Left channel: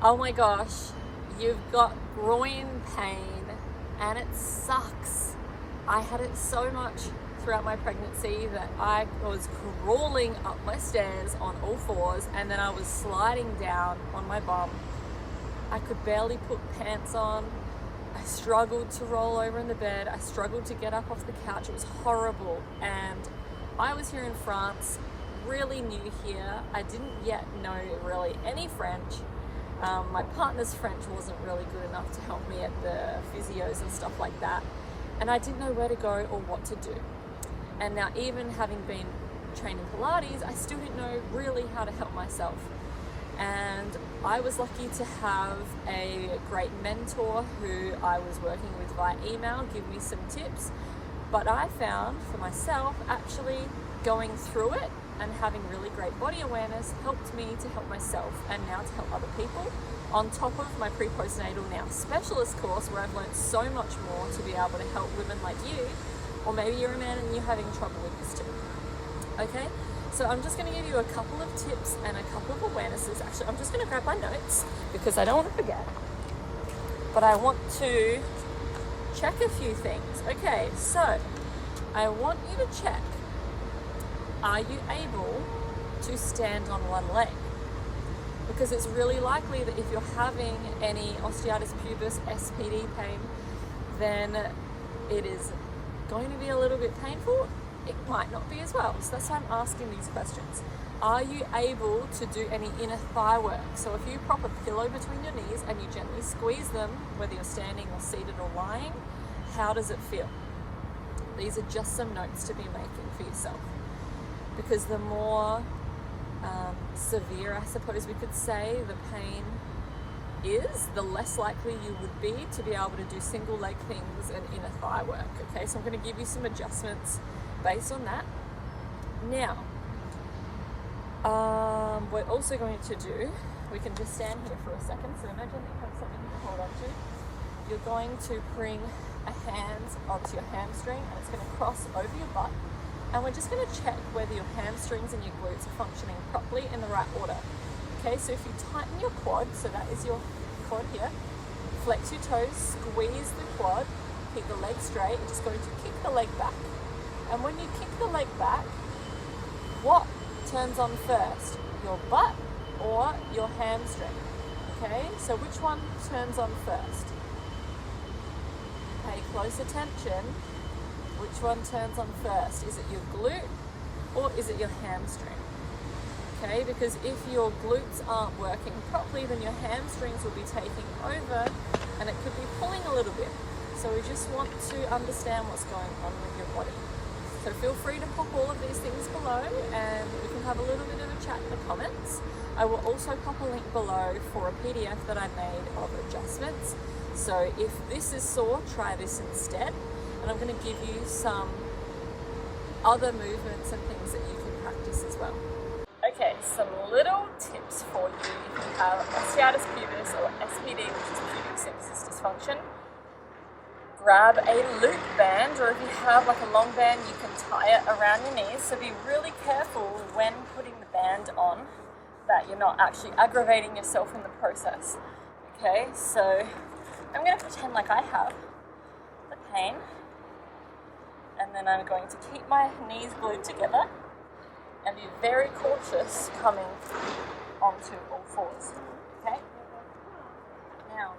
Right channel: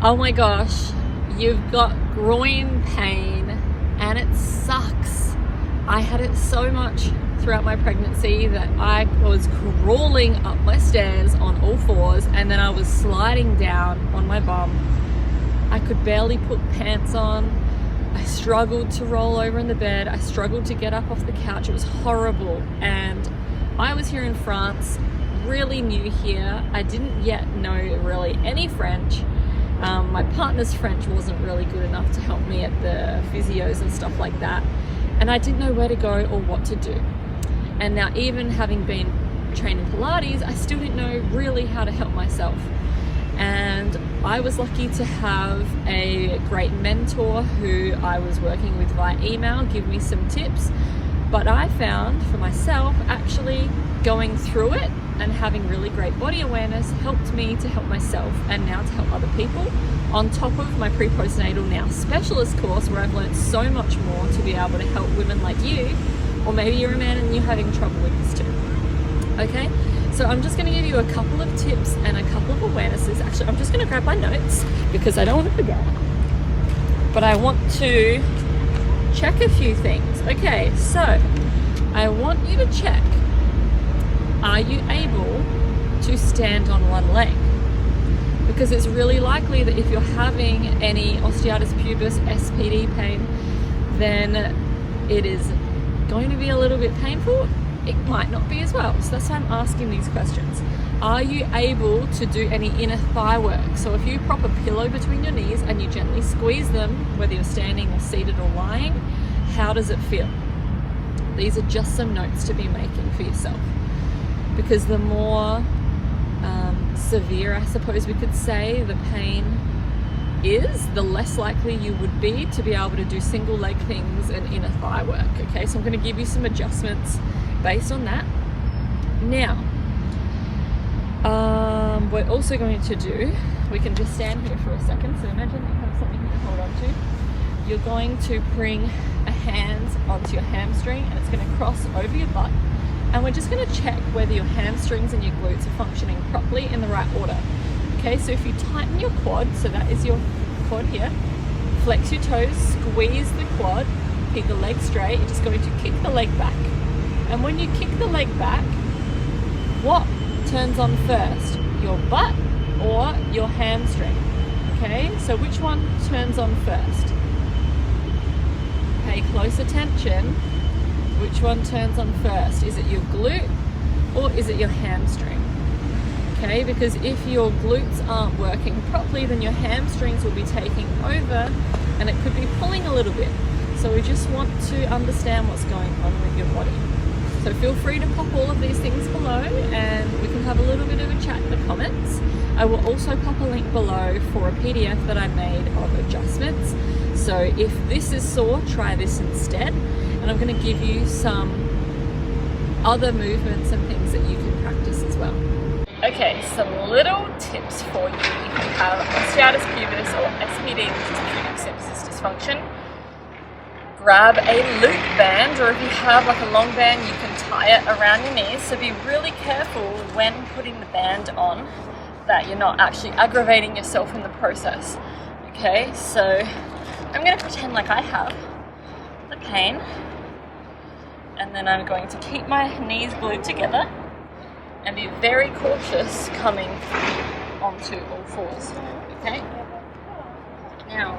Oh my gosh, you've got groin pain and it sucks. I had it so much throughout my pregnancy that I was crawling up my stairs on all fours and then I was sliding down on my bum. I could barely put pants on. I struggled to roll over in the bed. I struggled to get up off the couch. It was horrible. And I was here in France, really new here. I didn't yet know really any French. My partner's French wasn't really good enough to help me at the physios and stuff like that. And I didn't know where to go or what to do. And now, even having been trained in Pilates, I still didn't know really how to help myself. And I was lucky to have a great mentor who I was working with via email give me some tips. But I found for myself, actually going through it and having really great body awareness helped me to help myself and now to help other people, on top of my pre-postnatal now specialist course, where I've learned so much more to be able to help women like you, or maybe you're a man and you're having trouble with this too. Okay, so I'm just going to give you a couple of tips and a couple of awarenesses. Actually, I'm just going to grab my notes because I don't want to forget, but I want to check a few things. Okay, so I want you to check, are you able to stand on one leg? Because it's really likely that if you're having any osteitis pubis, SPD pain, then it is going to be a little bit painful. It might not be as well. So that's why I'm asking these questions. Are you able to do any inner thigh work? So if you prop a pillow between your knees and you gently squeeze them, whether you're standing or seated or lying, how does it feel? These are just some notes to be making for yourself. Because the more severe, I suppose we could say, the pain is, the less likely you would be to be able to do single leg things and inner thigh work. Okay, so I'm going to give you some adjustments based on that. Now, we're also going to do, we can just stand here for a second. So imagine that you have something to hold on to. You're going to bring a hand onto your hamstring and it's going to cross over your butt. And we're just going to check whether your hamstrings and your glutes are functioning properly in the right order. Okay, so if you tighten your quad, so that is your quad here, flex your toes, squeeze the quad, keep the leg straight, you're just going to kick the leg back. And when you kick the leg back, what turns on first? Your butt or your hamstring? Okay, so which one turns on first? Pay close attention. Which one turns on first? Is it your glute or is it your hamstring? Okay, because if your glutes aren't working properly, then your hamstrings will be taking over and it could be pulling a little bit. So we just want to understand what's going on with your body. So feel free to pop all of these things below and we can have a little bit of a chat in the comments. I will also pop a link below for a PDF that I made of adjustments. So if this is sore, try this instead. And I'm going to give you some other movements and things that you can practice as well. Okay, some little tips for you if you have osteitis pubis or SPD, which is pubic symphysis dysfunction. Grab a loop band, or if you have like a long band, you can tie it around your knees. So be really careful when putting the band on that you're not actually aggravating yourself in the process. Okay, so I'm going to pretend like I have the pain. And then I'm going to keep my knees glued together and be very cautious coming onto all fours, okay? Now,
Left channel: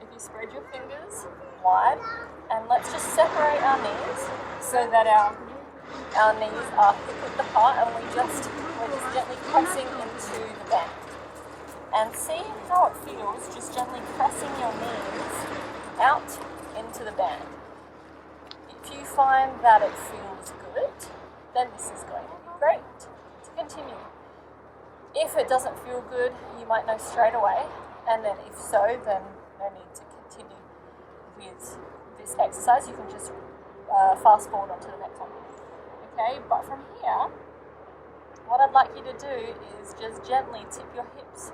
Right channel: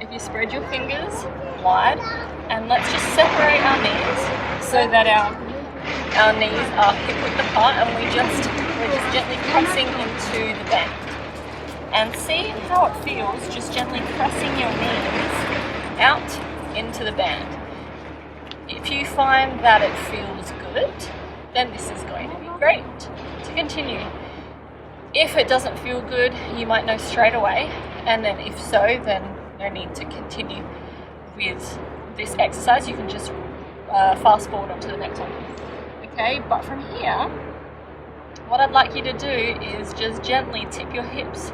if you spread your fingers wide, and let's just separate our knees so that our knees are hip width apart and we're just gently pressing into the band. And see how it feels, just gently pressing your knees out into the band. If you find that it feels good, then this is going to be great to continue. If it doesn't feel good, you might know straight away, and then if so, then no need to continue with this exercise. You can just fast forward onto the next one. Okay, but from here, what I'd like you to do is just gently tip your hips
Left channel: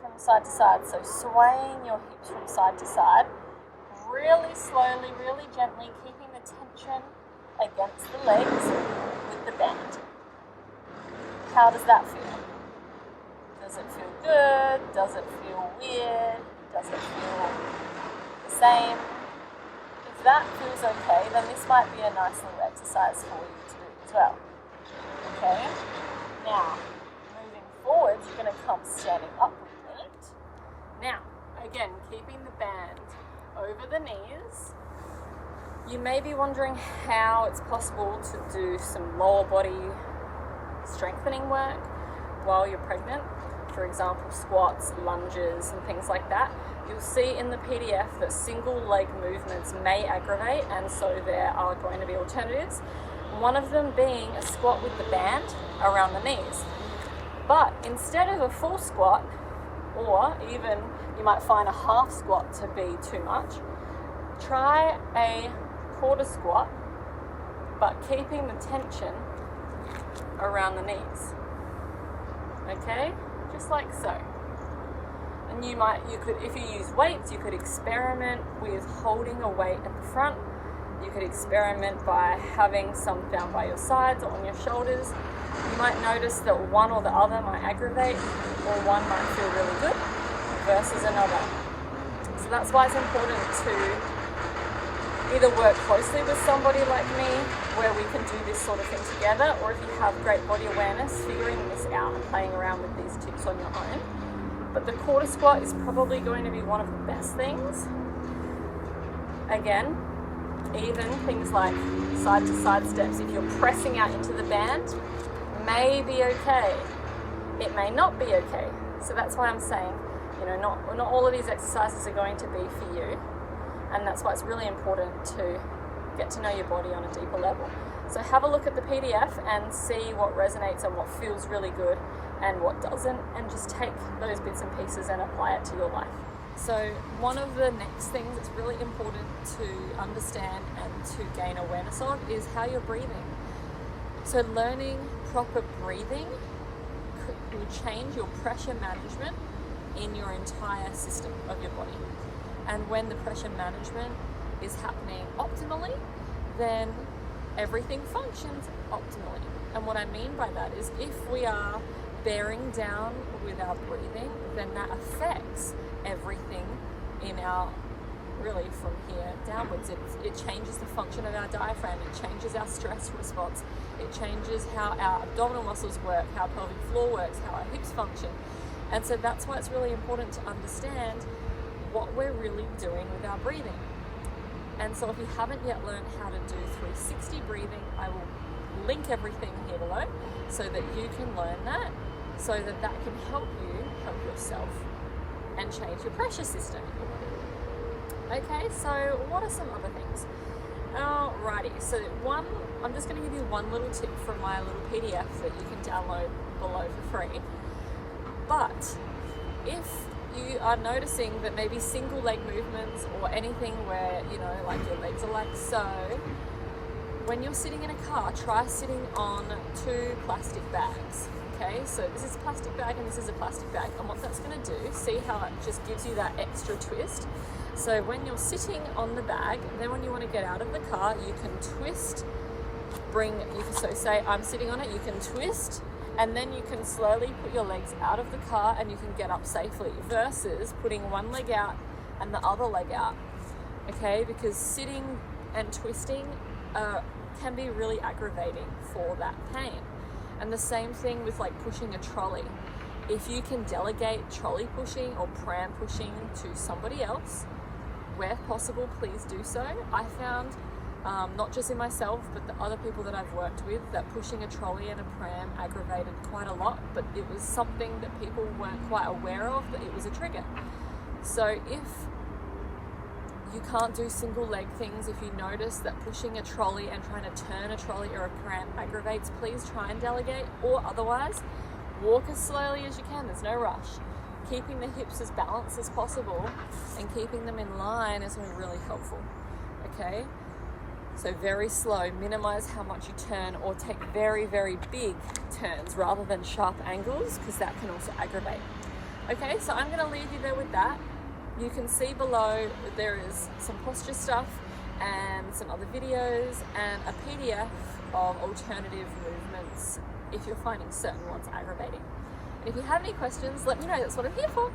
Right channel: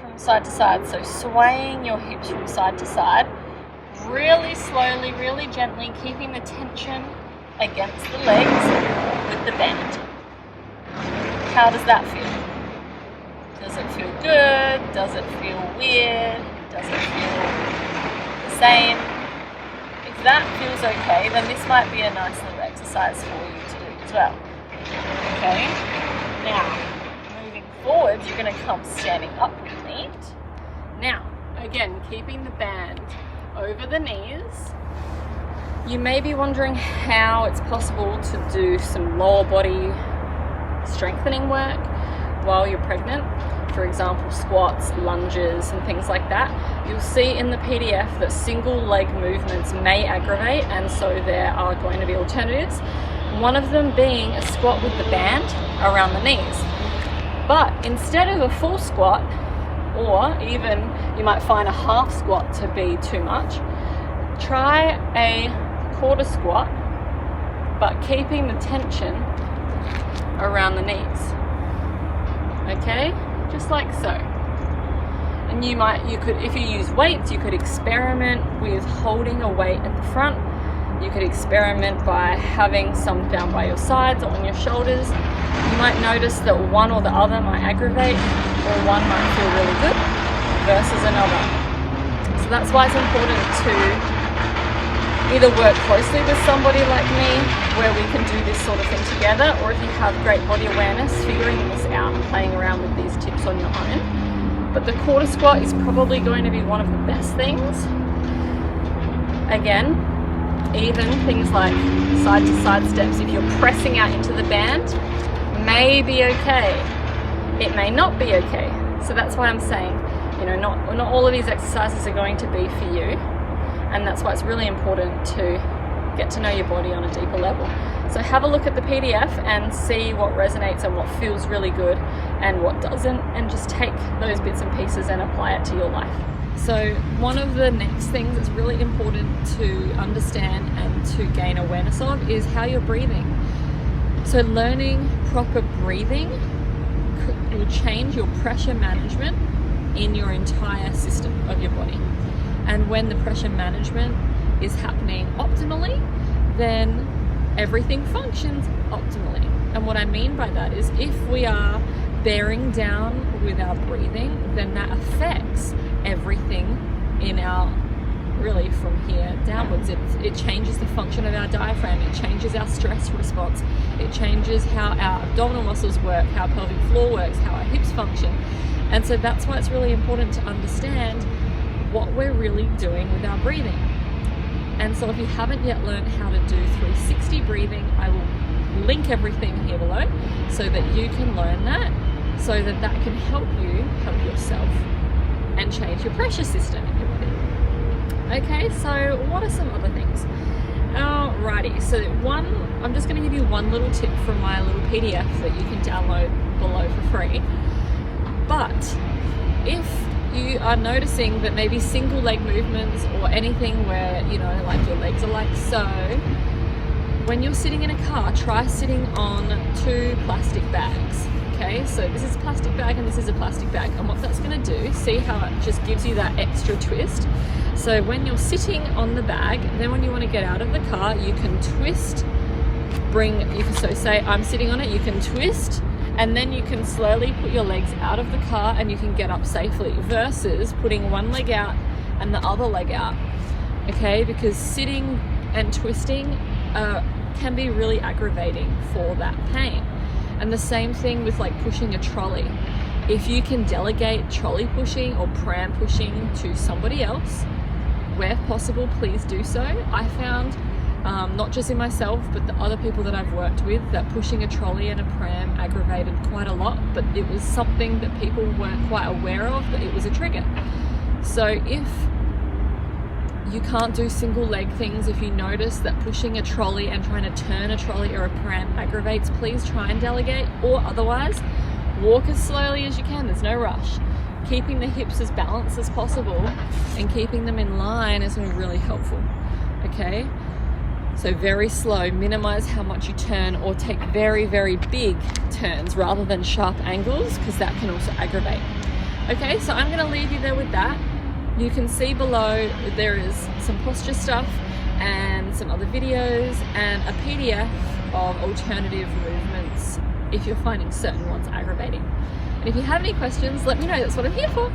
from side to side. So swaying your hips from side to side, really slowly, really gently, keeping the tension against the legs with the band. How does that feel? Does it feel good? Does it feel weird? Does it feel the same? If that feels okay, then this might be a nice little exercise for you to do as well. Okay? Now, moving forward, you're going to come standing up with me. Now, again, keeping the band over the knees. You may be wondering how it's possible to do some lower body strengthening work while you're pregnant. For example, squats, lunges, and things like that. You'll see in the PDF that single leg movements may aggravate, and so there are going to be alternatives. One of them being a squat with the band around the knees. But instead of a full squat, or even you might find a half squat to be too much, try a quarter squat, but keeping the tension around the knees. Okay? Just like so. And you could, if you use weights, you could experiment with holding a weight at the front. You could experiment by having some down by your sides or on your shoulders. You might notice that one or the other might aggravate, or one might feel really good versus another. So that's why it's important to either work closely with somebody like me, where we can do this sort of thing together, or if you have great body awareness, figuring this out and playing around with these tips on your own. But the quarter squat is probably going to be one of the best things. Again, even things like side to side steps, if you're pressing out into the band, may be okay. It may not be okay. So that's why I'm saying, not all of these exercises are going to be for you. And that's why it's really important to get to know your body on a deeper level. So have a look at the PDF and see what resonates and what feels really good and what doesn't, and just take those bits and pieces and apply it to your life. So one of the next things that's really important to understand and to gain awareness of is how you're breathing. So learning proper breathing will change your pressure management in your entire system of your body. And when the pressure management is happening optimally, then everything functions optimally. And what I mean by that is, if we are bearing down with our breathing, then that affects everything in our, really from here downwards. It changes the function of our diaphragm, it changes our stress response, it changes how our abdominal muscles work, how our pelvic floor works, how our hips function. And so that's why it's really important to understand what we're really doing with our breathing. And so if you haven't yet learned how to do 360 breathing, I will link everything here below so that you can learn that, so that that can help you help yourself and change your pressure system in your body. Okay, so what are some other things? Alrighty, so I'm just going to give you one little tip from my little PDF that you can download below for free. But if you are noticing that maybe single leg movements or anything where, like your legs are like so, when you're sitting in a car, try sitting on 2 plastic bags. Okay, so this is a plastic bag and this is a plastic bag, and what that's going to do, see how it just gives you that extra twist. So when you're sitting on the bag, then when you want to get out of the car, you can twist, so say I'm sitting on it, you can twist, and then you can slowly put your legs out of the car and you can get up safely, versus putting one leg out and the other leg out. Okay, because sitting and twisting can be really aggravating for that pain. And the same thing with like pushing a trolley. If you can delegate trolley pushing or pram pushing to somebody else, where possible, please do so. I found, not just in myself, but the other people that I've worked with, that pushing a trolley and a pram aggravated quite a lot, but it was something that people weren't quite aware of, that it was a trigger. So if you can't do single leg things, if you notice that pushing a trolley and trying to turn a trolley or a pram aggravates, please try and delegate, or otherwise walk as slowly as you can. There's no rush. Keeping the hips as balanced as possible and keeping them in line is going to be really helpful. Okay, so very slow, minimize how much you turn, or take very, very big turns rather than sharp angles, because that can also aggravate. Okay, so I'm going to leave you there with that. You can see below there is some posture stuff and some other videos and a PDF of alternative movements if you're finding certain ones aggravating. And if you have any questions, let me know. That's what I'm here for.